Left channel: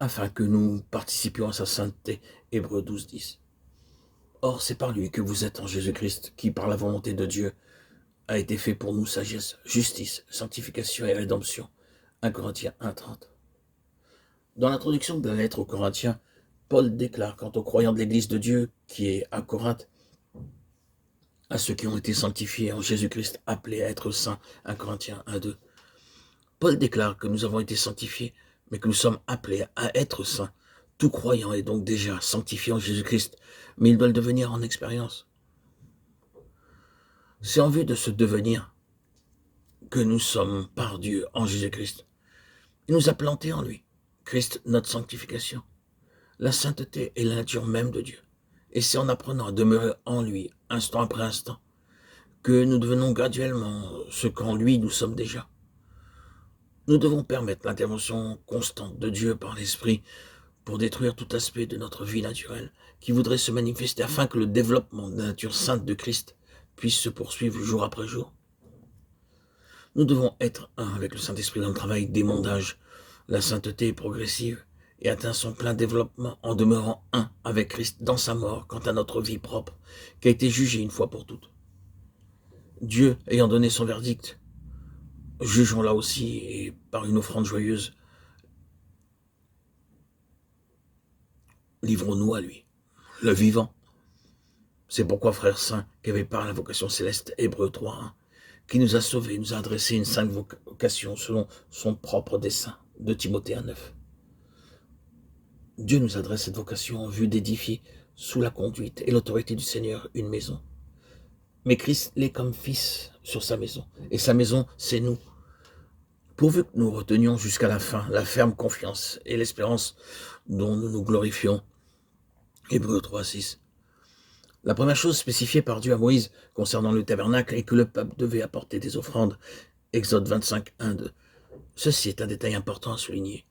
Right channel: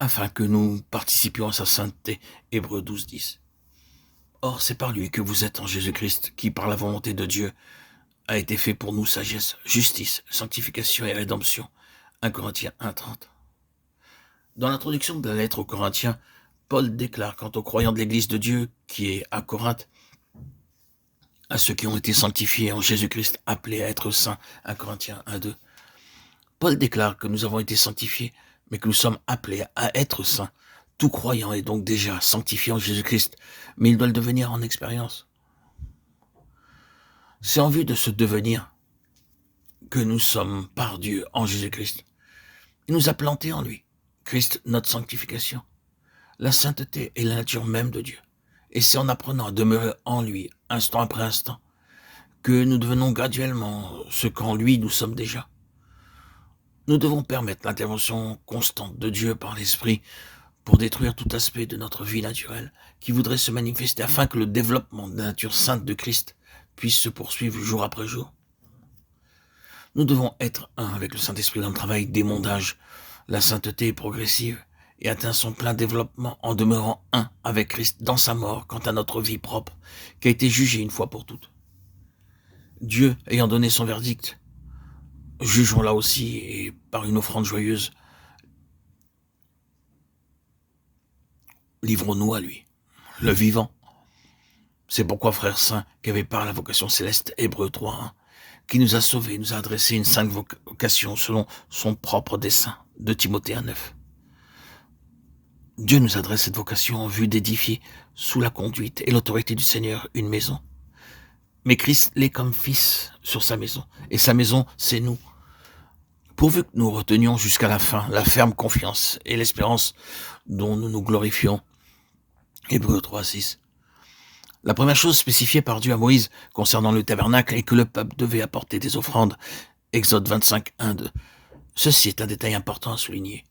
afin que nous participions à sa sainteté. Hébreux 12, 10. Or, c'est par lui que vous êtes en Jésus-Christ, qui, par la volonté de Dieu, a été fait pour nous sagesse, justice, sanctification et rédemption. 1 Corinthiens 1, 30. Dans l'introduction de la lettre aux Corinthiens, Paul déclare quant aux croyants de l'Église de Dieu, qui est à Corinthe, à ceux qui ont été sanctifiés en Jésus-Christ, appelés à être saints. 1 Corinthiens 1, 2. Paul déclare que nous avons été sanctifiés, mais que nous sommes appelés à être saints. Tout croyant est donc déjà sanctifié en Jésus-Christ, mais il doit le devenir en expérience. C'est en vue de ce devenir que nous sommes par Dieu en Jésus-Christ. Il nous a plantés en lui. Christ, notre sanctification. La sainteté est la nature même de Dieu. Et c'est en apprenant à demeurer en lui, instant après instant, que nous devenons graduellement ce qu'en lui nous sommes déjà. Nous devons permettre l'intervention constante de Dieu par l'Esprit pour détruire tout aspect de notre vie naturelle qui voudrait se manifester afin que le développement de la nature sainte de Christ puisse se poursuivre jour après jour. Nous devons être un avec le Saint-Esprit dans le travail d'émondage. La sainteté est progressive et atteint son plein développement en demeurant un avec Christ dans sa mort quant à notre vie propre, qui a été jugée une fois pour toutes. Dieu ayant donné son verdict, jugeons-la aussi et par une offrande joyeuse, livrons-nous à lui, le vivant. C'est pourquoi, frères saints, qu'avait par la vocation céleste, Hébreux 3, 1, qui nous a sauvés, nous a adressé une sainte vocation selon son propre dessein, de Timothée 1, 9. Dieu nous adresse cette vocation en vue d'édifier, sous la conduite et l'autorité du Seigneur, une maison. Mais Christ l'est comme fils sur sa maison, et sa maison, c'est nous. Pourvu que nous retenions jusqu'à la fin la ferme confiance et l'espérance dont nous nous glorifions. Hébreux 3, 6. La première chose spécifiée par Dieu à Moïse concernant le tabernacle est que le peuple devait apporter des offrandes. Exode 25, 1, 2. Ceci est un détail important à souligner.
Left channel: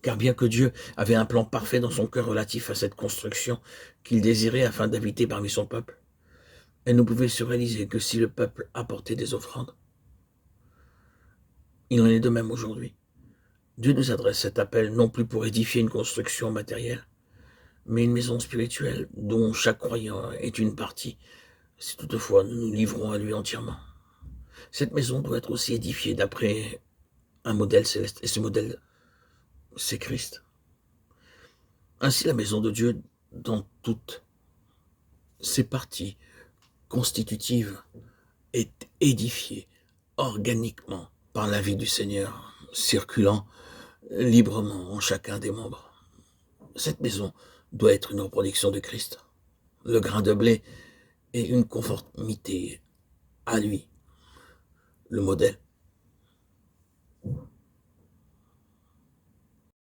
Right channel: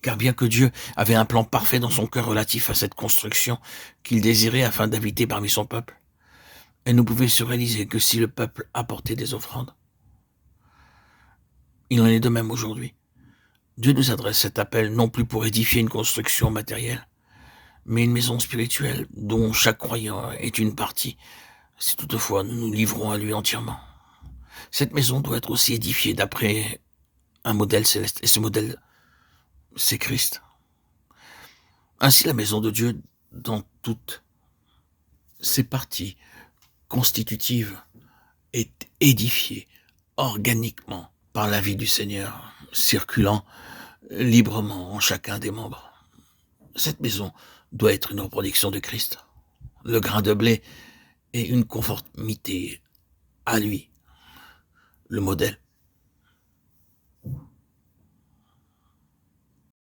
Car bien que Dieu avait un plan parfait dans son cœur relatif à cette construction qu'il désirait afin d'habiter parmi son peuple, elle ne pouvait se réaliser que si le peuple apportait des offrandes. Il en est de même aujourd'hui. Dieu nous adresse cet appel non plus pour édifier une construction matérielle, mais une maison spirituelle dont chaque croyant est une partie, si toutefois nous nous livrons à lui entièrement. Cette maison doit être aussi édifiée d'après un modèle céleste, et ce modèle, c'est Christ. Ainsi, la maison de Dieu, dans toutes ses parties constitutives, est édifiée organiquement par la vie du Seigneur, circulant librement en chacun des membres. Cette maison doit être une reproduction de Christ. Le grain de blé est une conformité à lui, le modèle.